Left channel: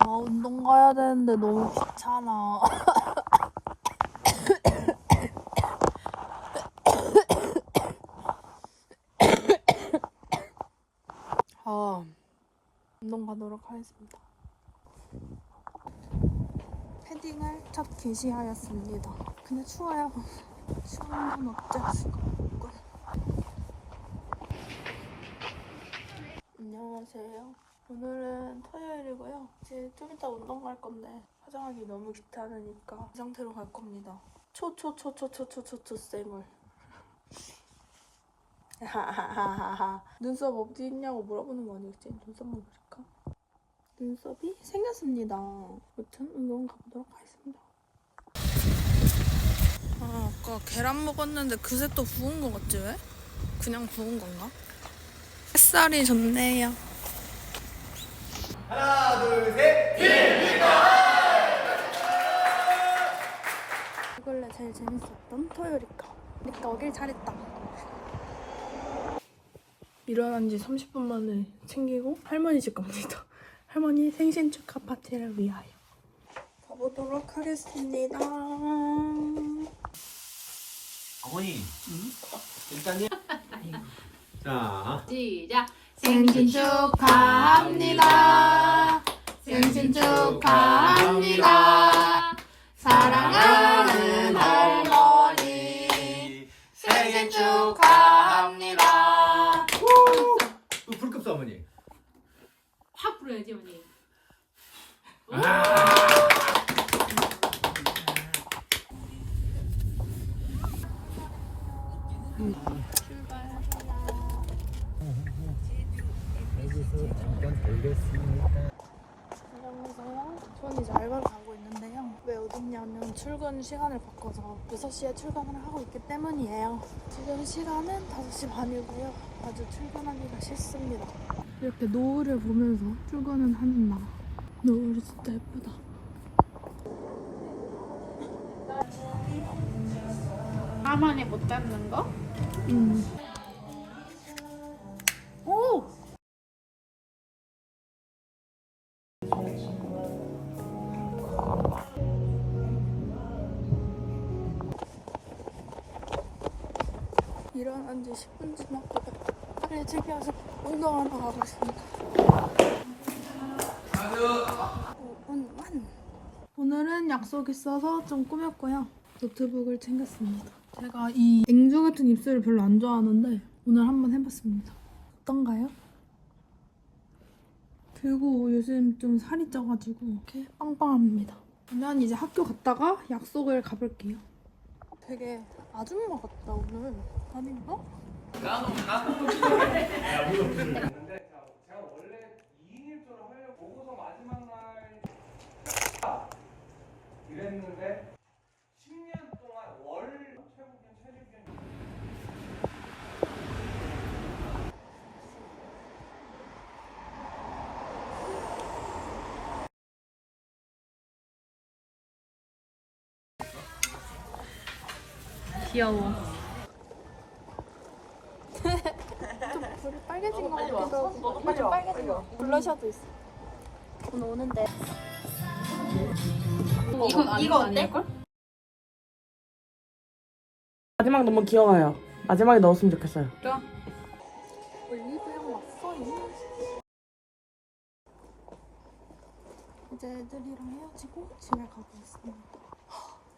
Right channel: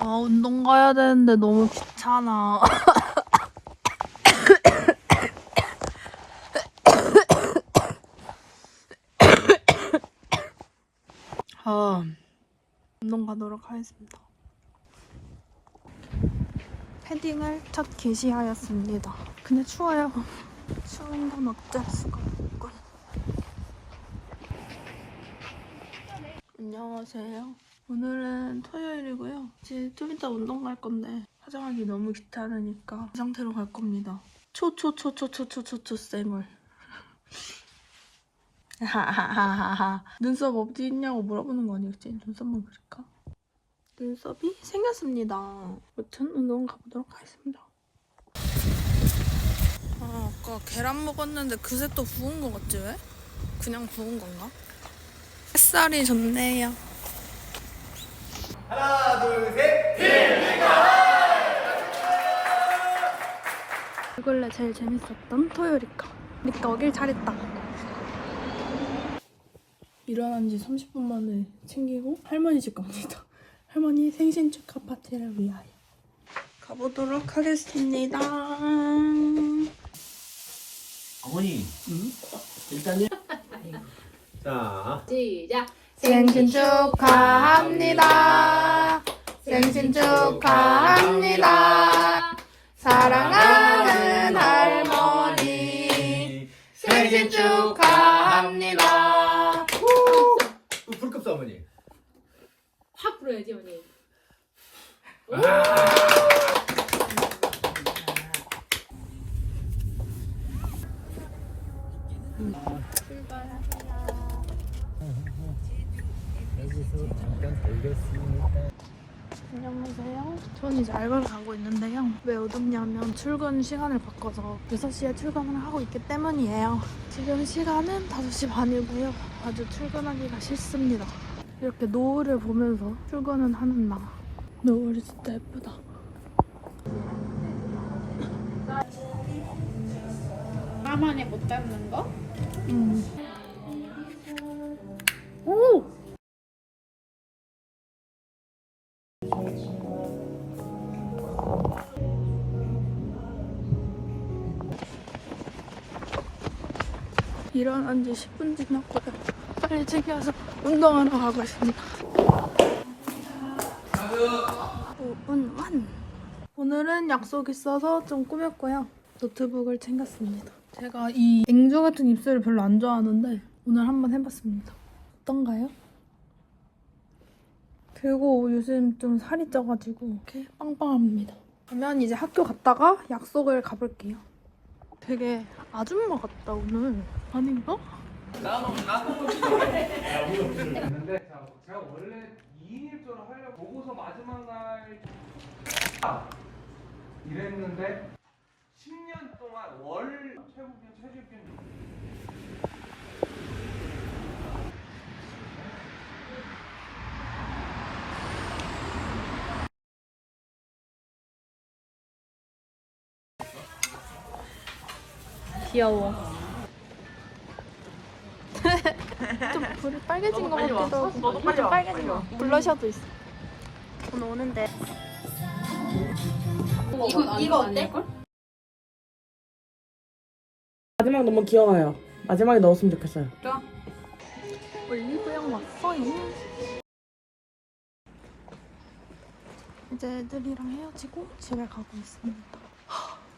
아, 운동 가야 되는데 너무 귀찮아. 운동 가도록 하겠습니다. 패딩을 첫 개시하였습니다. 근데 추워요. 추운 건 어쩔 수가 없군. 안녕하세요. 오늘은 토요일이고요. 이제 좀 이따 운동 갈 건데 화장하기 너무 귀찮으니까 이 상태로 갈 겁니다. 쌤을. 하하하하. 눈썹 어디 있냐고 물어보는 거 아니겠지? 눈썹만 그릴까? 눈썹이 생겼습니다. 아무튼 운동 가보도록 하겠습니다. 아까 계란 먹었는데 그새 또 부은 거 같지 왜? 그냥 부은 건가? 햇살이 좋네요. 하나, 둘, 셋! 이걸로 제일 재밌었던 토요일이니까. 그러니까 오길 잘했다. 일어난 지 30분 만에 챙기고 할머니 집 갑니다. 할머니 생신 축하 파티를 위하여. 가보도록 하겠습니다. 어머니. 일단요. 자. 시작. 생신 축하합니다. 생신 축하합니다. 사랑하는 할머니 생신 축하합니다. 불급 써 어머니. 확 불어야지 언니. 여기서 잠깐 돌렸습니다. 안녕하세요. 전 이제 알바를 가고 있는데요. 왜 어둡냐면 출근 시간을 바꿔서 6시에 출근을 하고 있기 때문이에요. 지금 시간은 5시 반이고요. 아주 출근하기가 싫습니다. 이렇게 노을을 보면서 출근은 하는 나. 노을이 진짜 예쁘다. 가만히 못 잡는 거? 오! 일어난 지 10분 지났고요. 빨리 챙겨서 운동하러 가고 있습니다. 5분 완! 오늘은 약속 있어서 좀 꾸몄고요. 노트북을 챙겼습니다. 제가 이 앵주 같은 입술을 별로 안 좋아하는데 오늘 한번 해봤습니다. 어떤가요? 그리고 요즘 좀 살이 쪄가지고 이렇게 빵빵합니다. 그러면 이제 학교 갔다가 약속을 가볼게요. 되게 아줌마 같다 오늘. 아닌가? 나도 근데 제가 원래 2인 1조로 하려고 보고서 마지막 날 이랬는데 10년 동안 월 최고기준 최저기준 귀여워. 좀 불이 빨개진 것 같기도 하고. 빨개진 거. 블러셔도 있어. 오늘 오는데. 이거 어때? 마지막 너무 귀여워요. 마지막에 넣었으면 좋겠어요. 올리브영 왔어요. 이제 애들이랑 헤어지고 집에 가고 있습니다.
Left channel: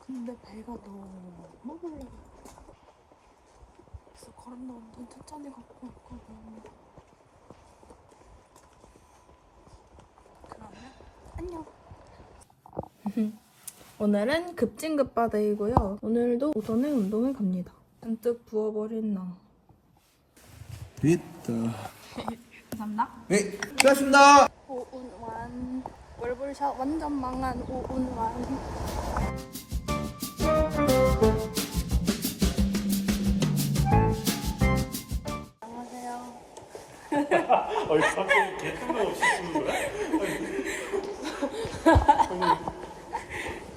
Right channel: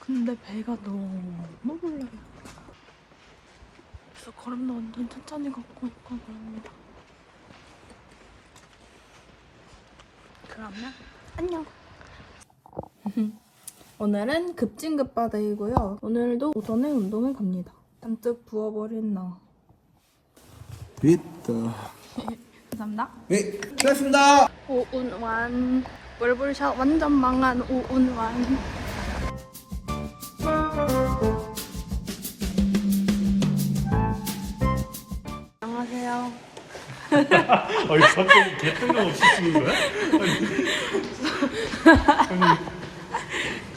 근데 배가 너무 불러요. 그래서 걸음도 완전 천천히 걷고 있거든요. 그러면 안녕. 오늘은 급진급바데이고요. 오늘도 오전에 운동을 갑니다. 잔뜩 부어버린 나. 됐다. 감사합니다. 네, 수고하셨습니다. 오운완 월볼샷 완전 망한 오운완. 안녕하세요. 아니 갑자기 개뜬금 없이 쓰는 거야?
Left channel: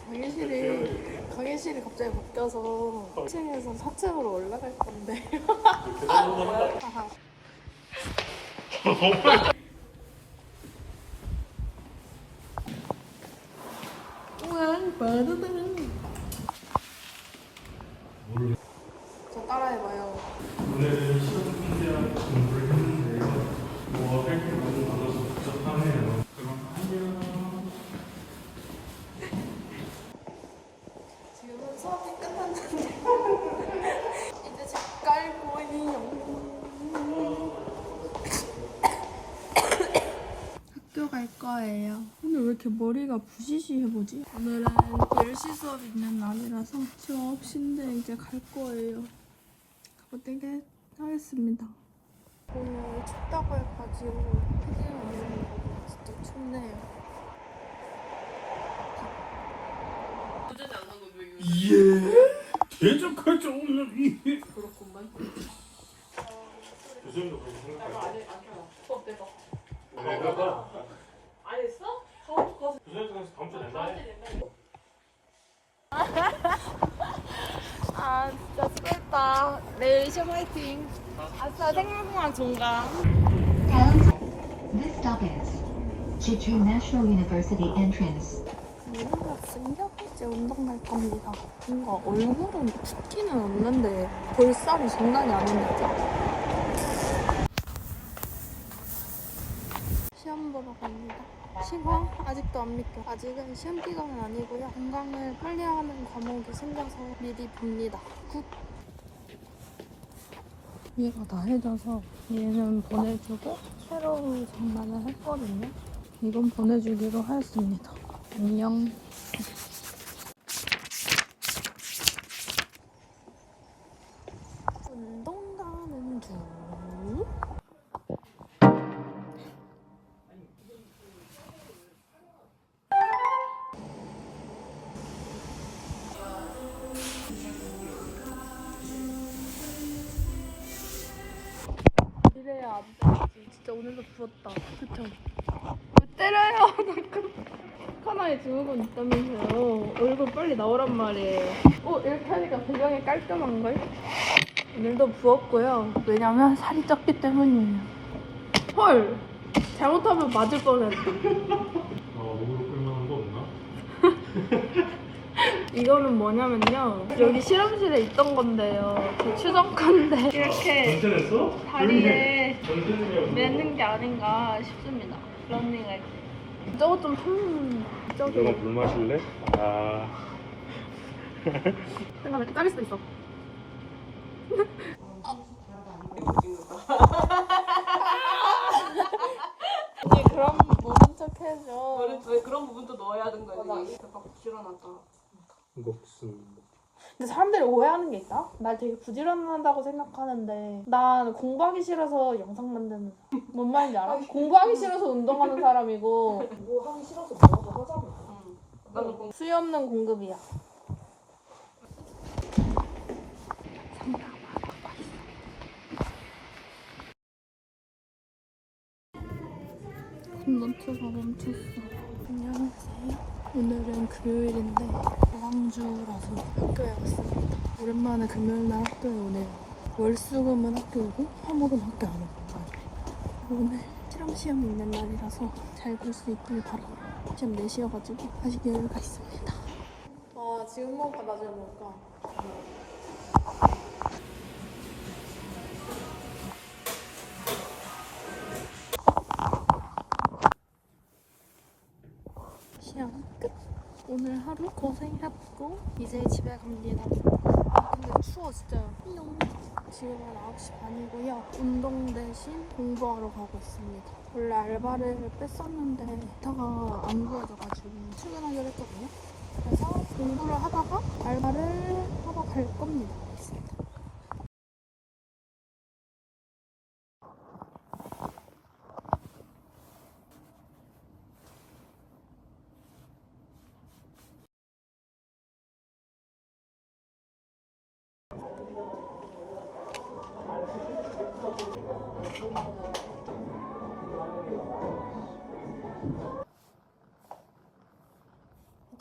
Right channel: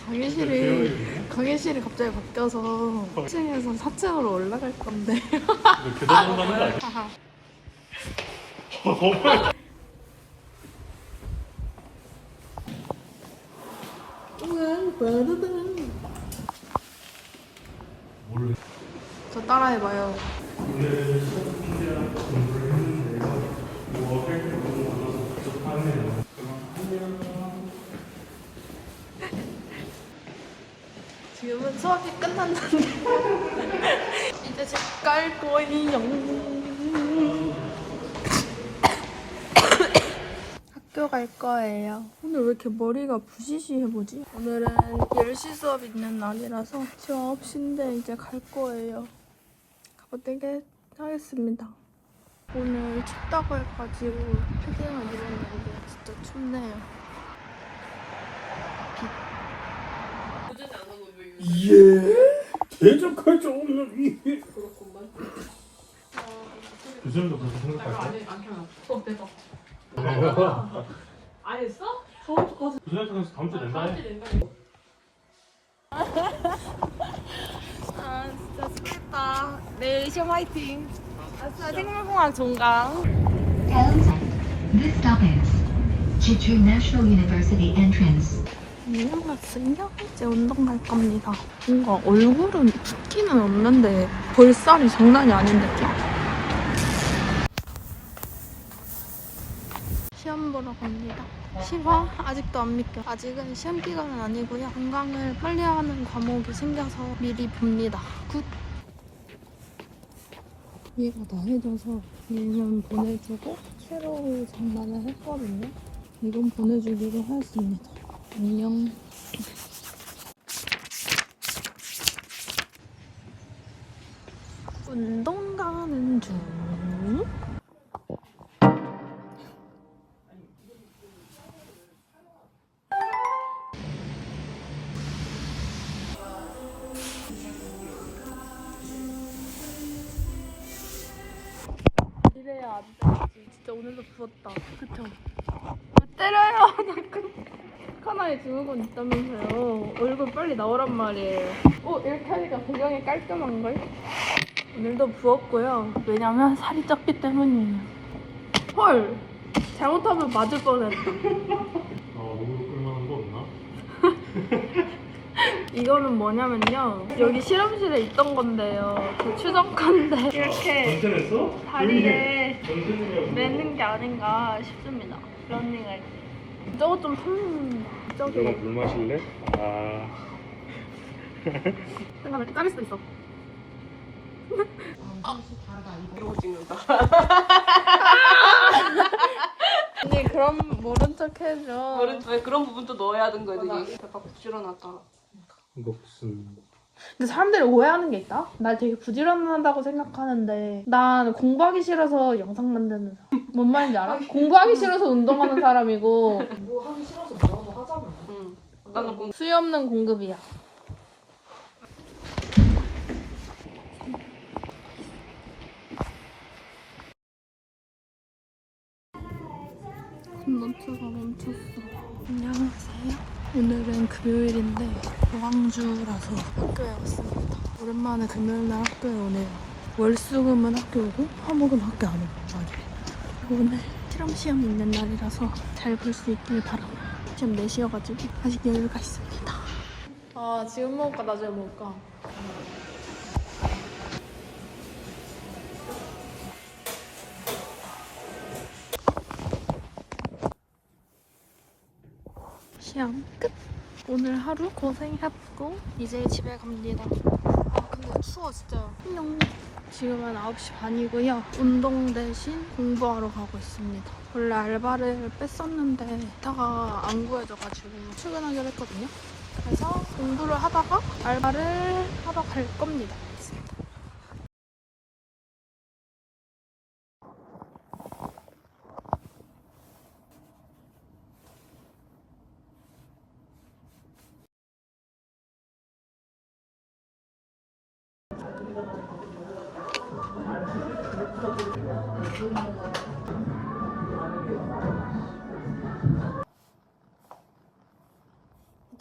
강의실이 갑자기 바뀌어서 1층에서 4층으로 올라갈 건데. 계단 하는 거 아니야? 하하. 저 따라해봐요. 원래 시험 문제랑 공부를 했는데요. 뭐 할게 너무 많아서 복잡하네요. 그럼 안녕. 지금은 수업이 끝났는데 이제 집 갈 거예요. 학교 갈 거예요. 오늘 왜 이렇게 머리가 부시시해보지? 오늘은 10시 수업 있는 날이라서 지금 9시인데 이제 갈 거예요. 가보되게 하겠습니다. 오늘 춥다고 해가지고 패딩을 입었는데 진짜 춥네요. 예. 대적할 줄 없는 이. 그렇구만. 교수님도 그렇게 생각할까? 수업 대박. 안 했어? 교수님한테 가서 다음 주에 낸다 해. 아 진짜 수고했다. 내일 시험 화이팅. 아싸 생물공학 종강. This stop is Jeju National University entrance. 안녕 학생요? 이제 운동 갈 겁니다. 뭔가 얼굴은 붓기는 없는데 볼살이 장난이 아닌 느낌? 시험 보러 갑니다. 시험? 아직도 안 믿겨. 아직은 시험 기간은 아니고요. 건강을 빨리 하는 과목이 생겨서 미리 봅니다. 굿! 얘가 나해져서 얘는 보내주고 새로 장난을 했거든요. 이건 보내주기로 하였습니다. 안녕. 운동 가는 중. 이래야 안 되지. 진짜 오늘도 부었다. 그쵸? 왜 때려요? 자꾸. 카나에 증후군 있다면서요. 얼굴 빨리 나오란 말이에요. 이렇게 하니까 배경이 깔끔한걸? 오늘도 부었고요. 왜냐면 살이 쪘기 때문이에요. 헐! 잘못하면 맞을 뻔했다. 목으로 끌만한 거 없나? 이거는 뭐냐면요. 여기 실험실에 있던 건데요. 제 추정컨대 이렇게 전체냈어? 다리에 전체는 매는 게 아닌가 싶습니다. 런닝할 때. 저거 좀 저기 너가 물 마실래? 아. 생각할 때 짜릴 수도 있어. 언니 그럼 모른 척 해줘. 아니 그런 부분도 넣어야 하는 거야. 되게 약간 부지런하다. 목숨. 근데 사람들이 오해하는 게 있다? 날 되게 부지런하다고 생각하는데 난 공부하기 싫어서 영상 만드는 사람. 뭔 말인지 알아? 공부하기 싫어서 운동하는 사람이고 뭐 하기 싫어서 뭐 하자고. 나는 뭐 수요 없는 공급이야. 콘던트가 멈췄어. 안녕하세요. 오늘은 금요일인데 고항주라서 학교에 왔습니다. 오랜만에 금요일날 학교에 오네요. 월수금은 학교 오고 화목은 학교 안 오고 오늘 실험 있는 날이라서 잘 볼 수 있길 바랍니다. 시험 4시여가지고 아직 여유가 있습니다. 아 지금 먹을까 나중에 먹을까? 시험 끝! 오늘 하루 고생했고 이제 집에 갑니다. 아 근데 추워 진짜. 안녕. 지금은 9시 반이고요. 운동 대신 공부하러 가고 있습니다. 원래 알바를 뺐었는데 이따가 안 구해져가지고 출근하기로 했거든요. 그래서 공부를 하다가 알바를 하러 갈 겁니다.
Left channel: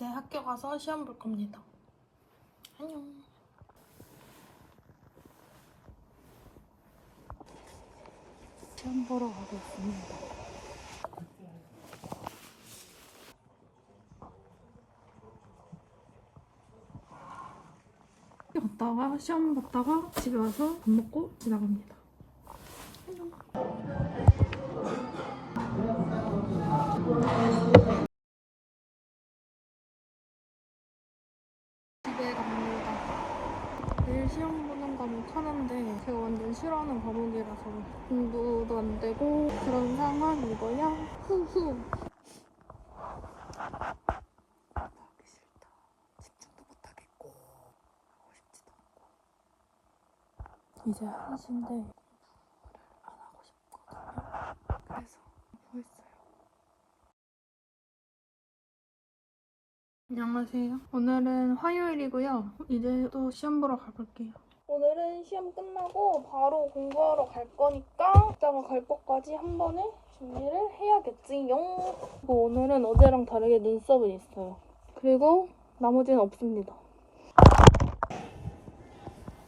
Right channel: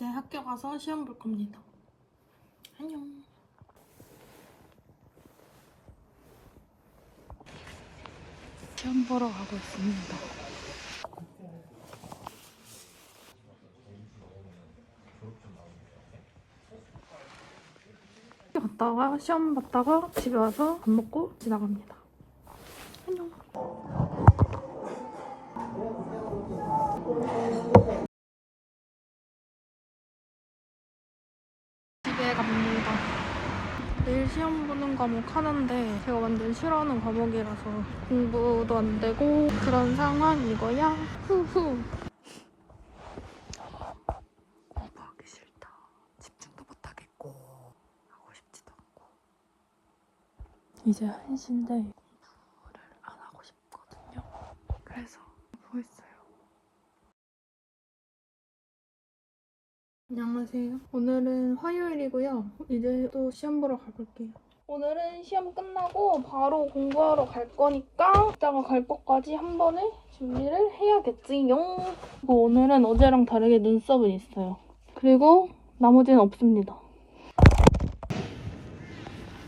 이제 학교 가서 시험 볼 겁니다. 안녕. 시험 보러 가고 있습니다. 갔다가 시험 봤다가 집에 와서 밥 먹고 지나갑니다. 안녕. 집에 갑니다. 내일 시험 보는 과목 하는데 제가 완전 싫어하는 과목이라서 공부도 안 되고 그런 상황이고요. 후후. 공부하기 싫다. 집중도 못 하겠고 하고 싶지도 않고. 이제 1시인데 공부를 안 하고 싶거든요. 그래서 하고 있어요. 안녕하세요. 오늘은 화요일이고요. 이제 또 시험 보러 가볼게요. 오늘은 시험 끝나고 바로 공부하러 갈 거니까 이따가 갈 것까지 한 번에 준비를 해야겠지요. 그리고 오늘은 어제랑 다르게 눈썹은 있어요. 그리고 나머지는 없습니다.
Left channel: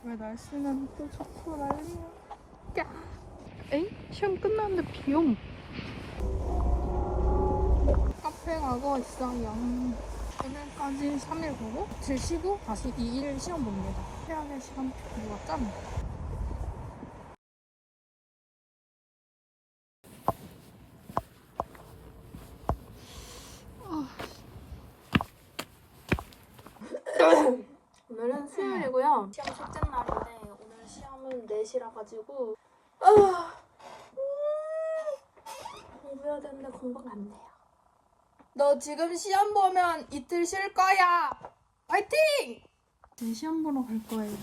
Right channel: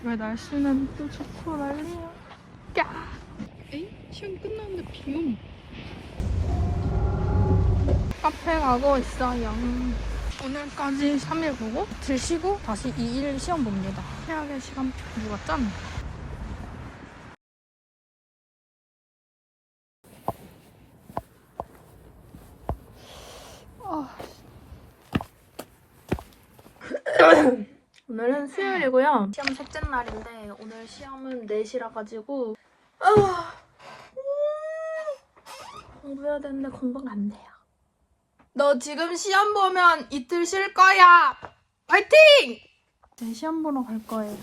왜 날씨는 또 좋고 난리야. 야! 에이? 시험 끝났는데 비옴. 카페 가고 있어요. 오늘까지 3일 보고 들 쉬고 다시 2일 시험 봅니다. 최악의 시간표 누가 짠? 오늘은 수요일이고요. 시험 셋째 날인데 오늘 시험은 4시라 가지고 공부해야 되는데 공부가 안 돼요. 너 지금 시험 보면 이틀 쉴 거야. 화이팅! 네, 시험 보러 갈 거예요.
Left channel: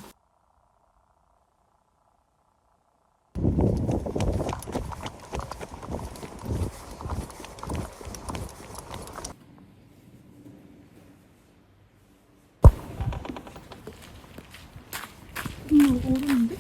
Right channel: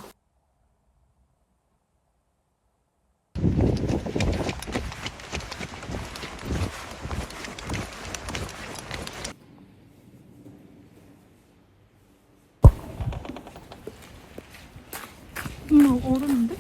오르는데?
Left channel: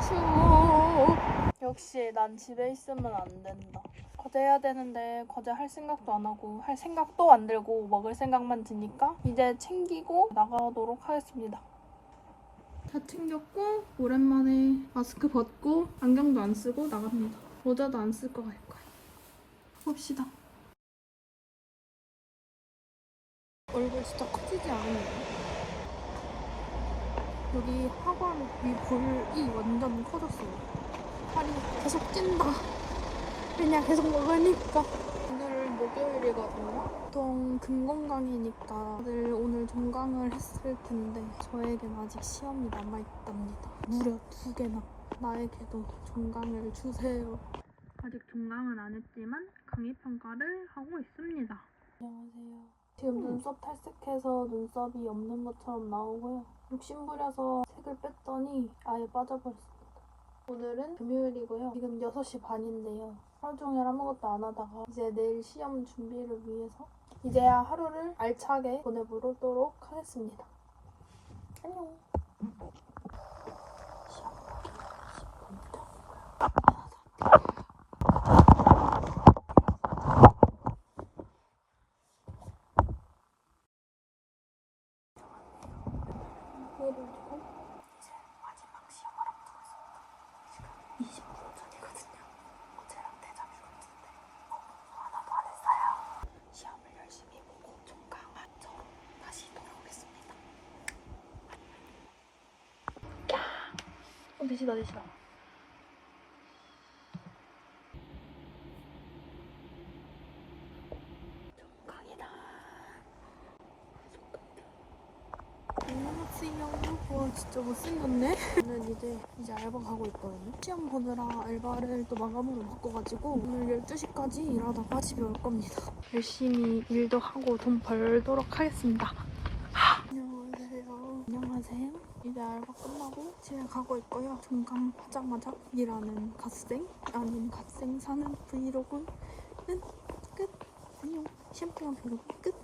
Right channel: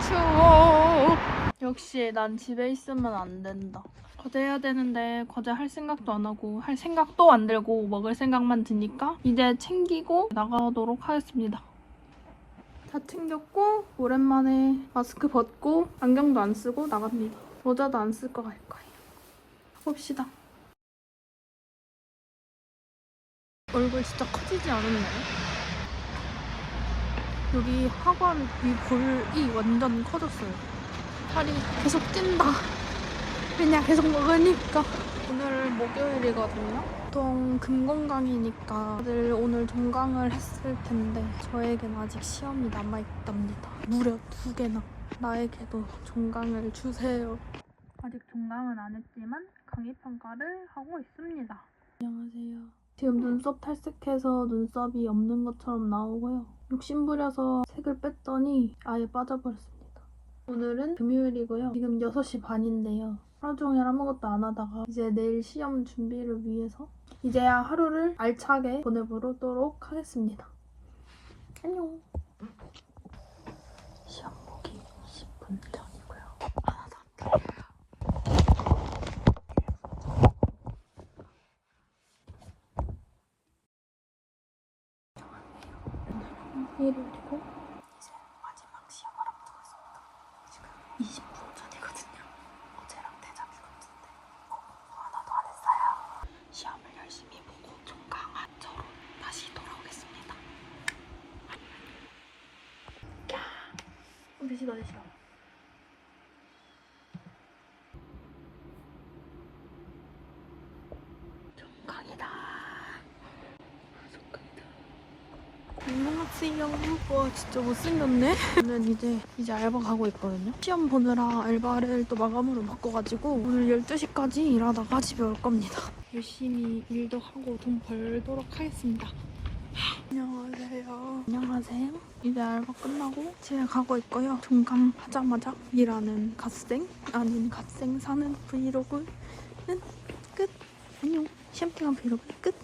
추워. 역시 난 집에 있으면 안 된다. 과제 해야 되는데 과제 할 생각도 안 하고 할 생각도 안 들고 먹을 생각만 드니까 이제 챙기고 나가도록 하겠습니다. 다 챙겼고 오랜만에 마스크 벗고 안경도 안 쓰고 나갑니다. 모자도 안 쓸 거 갈 거예요. 봅시다. 얼굴 진짜 커지지 않았나요? 여기 하관 위 볼이 완전 커졌어요. 살이 계속 찐다. 그냥 계속 먹으니까. 오늘 목요일이거든요. 보통 금건강이니까 다들 오늘 종강을 했을 텐데 저에겐 아직 시험이 남아있답니다. 무려 2개나. 나에게도 종강을 주세요. 아직 종강은 안 했지만 강의평가를 하고 있습니다. 안녕하세요. 지금 눈썹 탈색해서 눈썹이 없는 것처럼 나오고요. 욕심부려서 색을 뺐더니 아예 빠져버렸습니다. 오늘은 금요일이고요. 지금 6시 반인데요. 하루 종일 아무것도 안 하다가 이제 내일 시험 준비를 위해서 이제야 하루를 알차게 보내보도록 하겠습니다. 안녕. 시험 보기 10분 전이고요. 하나도 안 들려요. 일요일이고 이제 마지막 시험을 앞두고 있습니다. 지금 20분 전이거든요. 어제랑 대자뷰 같은데 공부 하나도 안 했어요. 시험을 열심히 보고 종강한 저로 다시 돌아오겠습니다. 안녕. 대시다. 종강이다. 안녕하세요. 와 진짜 못생겼네. 저는 이제 알바 가고 있거든요. 시험 보느라 알바를 또 마감으로 바꿔가지고 오늘 12시까지 일하다가 집에 올 겁니다. 열심히 일도 하고 돈 벌도록 하겠습니다. 안녕하세요. 이제 알바 끝나고 집에 가고 있고요. 종강 하자마자 일하는 갓생 아닌 갓생 사는 브이로그는 끝. 안녕. 시험 기간 브이로그 끝.